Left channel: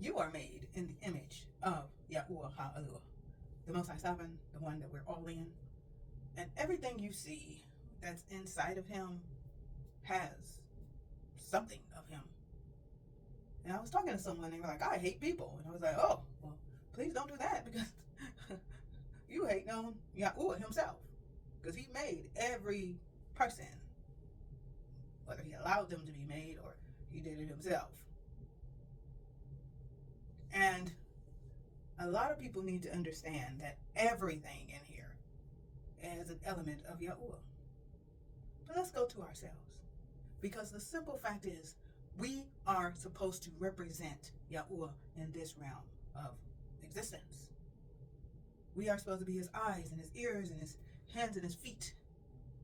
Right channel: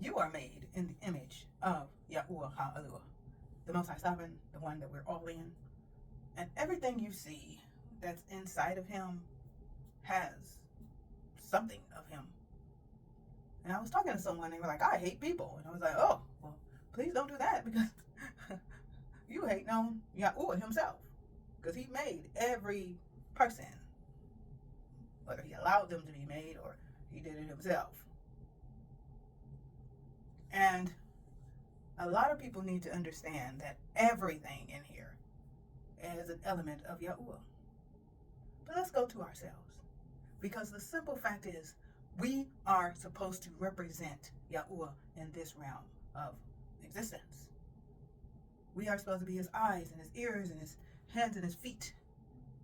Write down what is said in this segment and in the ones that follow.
You are made in the image of Yahuah Aluah, the Most High Sovereign, the one that we're all in. And everything you see that's inside of him has something of him. And I was talking to someone, they were like, I hate people. And I was like, oh, well, please don't do that, because you hate on Yahuah himself. Because he made every person, whether he allowed them to be made or he did it himself. And a lot of people need to understand that everything in here is an element of Yahuah. But let's go to ourselves. Because the simple fact is, we are supposed to represent Yahuah in this realm of existence. We are supposed to be his eyes and his ears and his hands and his feet,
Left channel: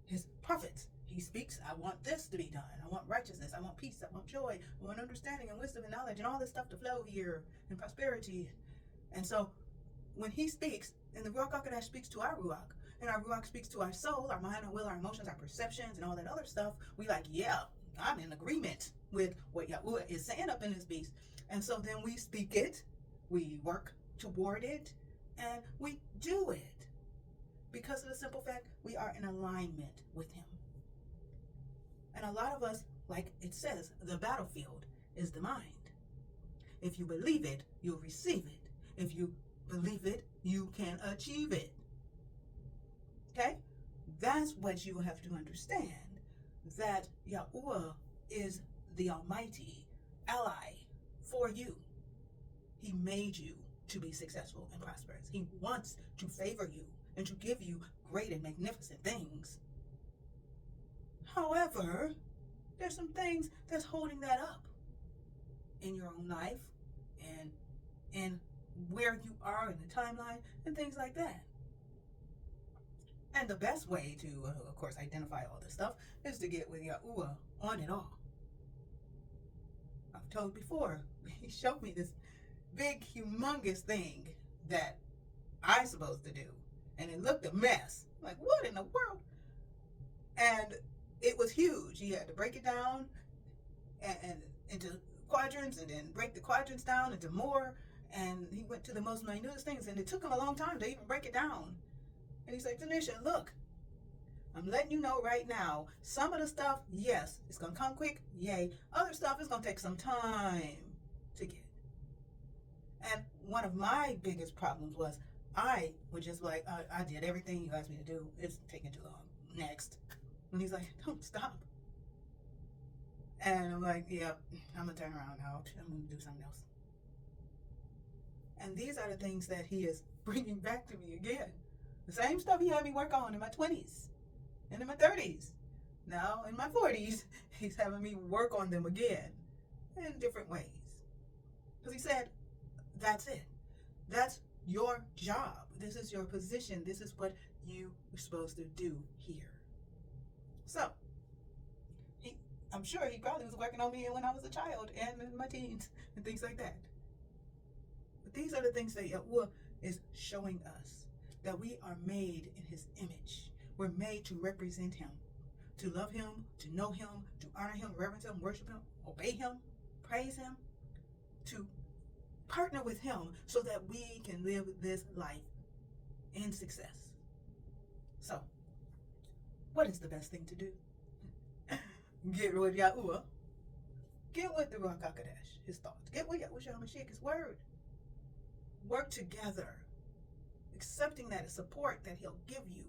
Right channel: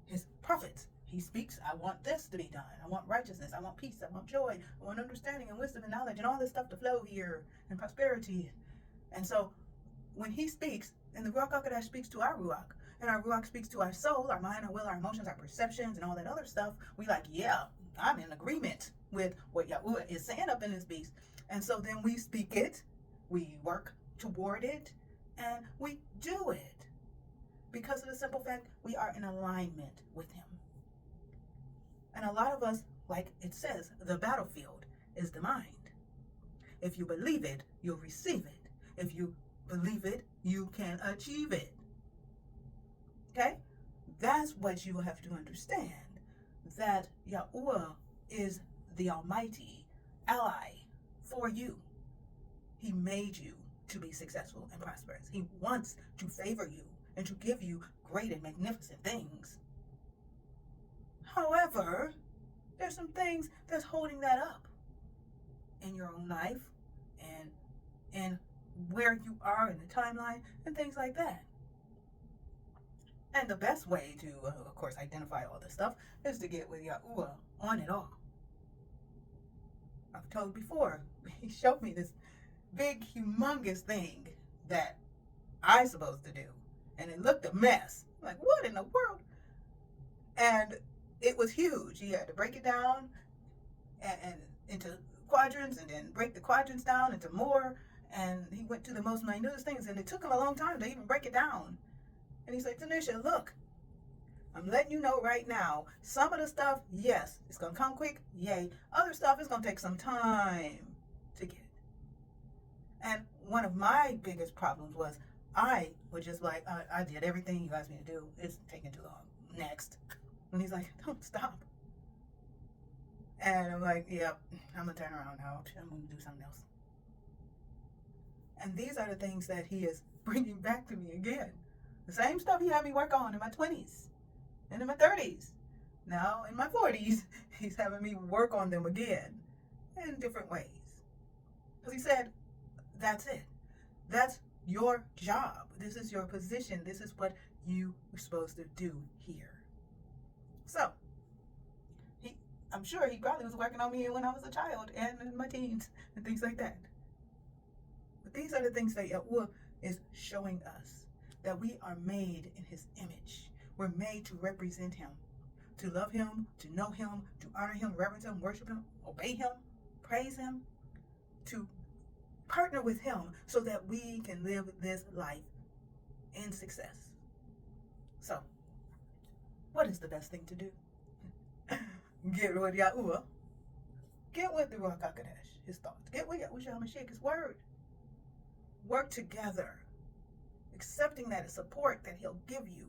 his prophets. He speaks, I want this to be done. I want righteousness. I want peace. I want joy. I want understanding and wisdom and knowledge and all this stuff to flow here, and prosperity. And so when he speaks, and the Ruach HaKodesh speaks to our Ruach, and our Ruach speaks to our soul, our mind, our will, our emotions, our perceptions, and all that other stuff, we like, yeah, I'm in agreement with what Yahuah is saying up in this beast. And so then we speak it, we work toward it, and we do it. Because of the simple fact, we are in alignment with him. And a lot of us, like it says, the battlefield is the mind. If you believe it, you'll receive it. If you believe it, you can achieve it. Okay? That's what you have to understand. That Yahuah is the almighty ally for you. He made you to be successful and prosperous. He wants to favor you and to give you great and magnificent things. However, there's some things that's holding that up in your own life and in where you are in the timeline and things like that. And the best way to, of course, identify all this stuff is to get with Yahuah on it all. I've told before, he showed me this big, humongous thing that I'm supposed to do. And it looked a mess. Like, what in the world? And it was huge. He had to break it down and into quadrants, and then break the quadrants down into more. And he went to the most minute things, and it took him a long time to even break it down. And he's like, Tanisha, look, I'm letting you know right now, some of the stuff, yes, it's going to come quick, yay. Other stuff is going to take some time to get. And one of my biggest problems was I was just like, I did everything you asked me to do. It's taking too long. Next. And he's like, don't stop. And I'm like, yep, I'm going to turn around now. I'm going to do something else. And these are the things that he is bringing back to me again. The same stuff he had me work on in my 20s and in my 30s. Now in my 40s, he's having me work on them again in different ways. Because he said, that's it. That's your job. This is your position. This is what you were supposed to do here. So, I'm sure he probably was working on me when I was a child and in my teens and things like that. But these are the things that Yahuah is showing us. That we are made in his image. We're made to represent him. To love him, to know him, to honor him, reverence him, worship him, obey him, praise him. To partner with him so that we can live this life in success. So, what is the best thing to do? Get with Yahuah. Get with the Ruach HaKodesh, his thoughts. Get with Yahushua HaMashiach, his word. Work together, accepting that support that he'll give you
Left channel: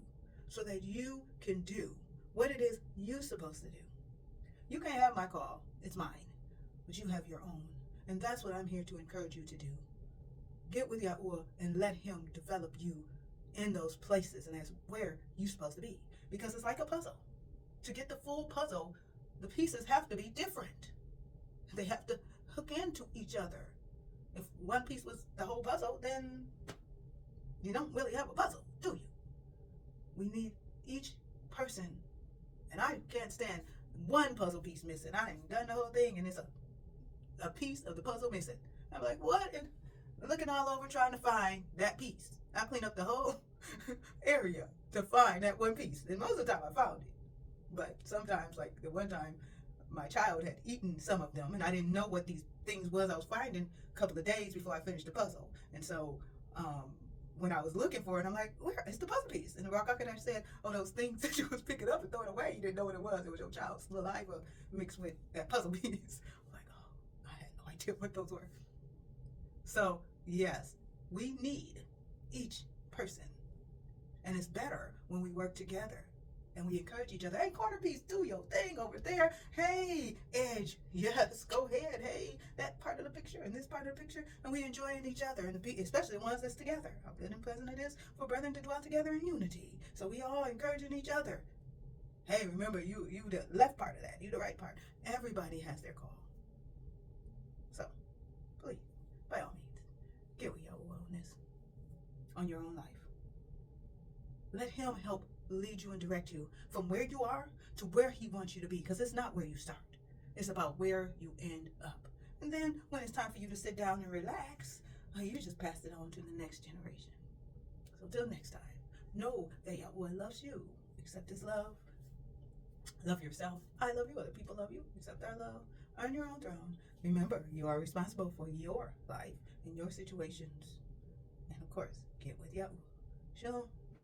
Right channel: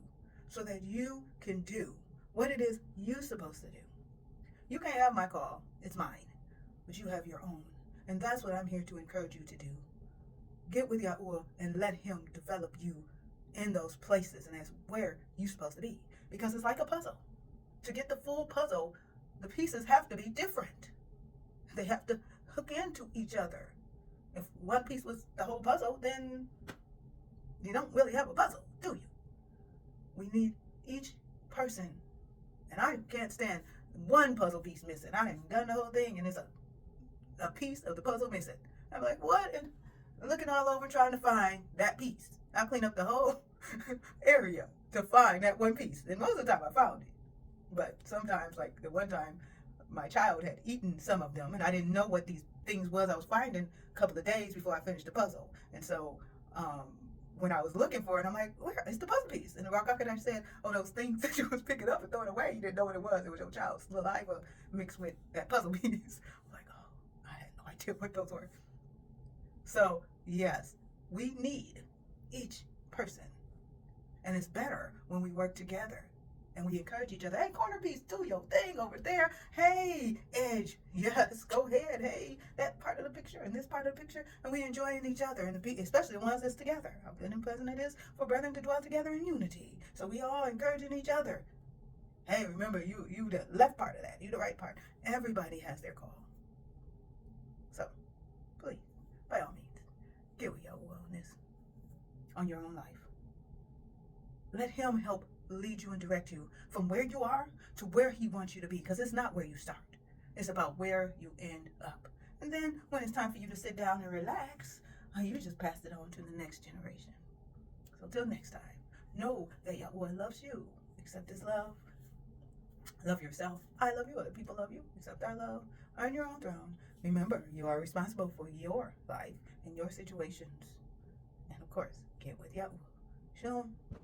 so that you can do what it is you're supposed to do. You can't have my call. It's mine. But you have your own. And that's what I'm here to encourage you to do. Get with Yahuah and let him develop you in those places, and that's where you're supposed to be. Because it's like a puzzle. To get the full puzzle, the pieces have to be different. They have to hook into each other. If one piece was the whole puzzle, then you don't really have a puzzle, do you? We need each person. And I can't stand one puzzle piece missing. I ain't done the whole thing, and it's a piece of the puzzle missing. I'm like, what? And looking all over trying to find that piece. I clean up the whole area to find that one piece. And most of the time I found it. But sometimes, like the one time, my child had eaten some of them, and I didn't know what these things was I was finding a couple of days before I finished the puzzle. And so when I was looking for it, I'm like, where is the puzzle piece? And the Rock Architect said, oh, those things that you was picking up and throwing away, you didn't know what it was. It was your child's saliva mixed with that puzzle piece. I'm like, oh, I had no idea what those were. So, yes, we need each person. And it's better when we work together and we encourage each other. Hey, corner piece, do your thing over there. Hey, edge, yes, go ahead. Hey, that part of the picture and this part of the picture. And we enjoying each other, and especially the ones that's together. How good and pleasant it is for brethren to dwell together in unity. So we all encouraging each other. Hey, remember, you the left part of that, you the right part. Everybody has their call. So, please, by all means, get with Yahuah on this, on your own life. Let him help lead you and direct you from where you are to where he wants you to be, because it's not where you start. It's about where you end up. And then when it's time for you to sit down and relax, you just pass it on to the next generation. So till next time, know that Yahuah loves you. Accept his love. Love yourself. I love you. Other people love you. Accept our love. Earn your own throne. Remember, you are responsible for your life and your situations. And of course, get with Yahuah. Shalom.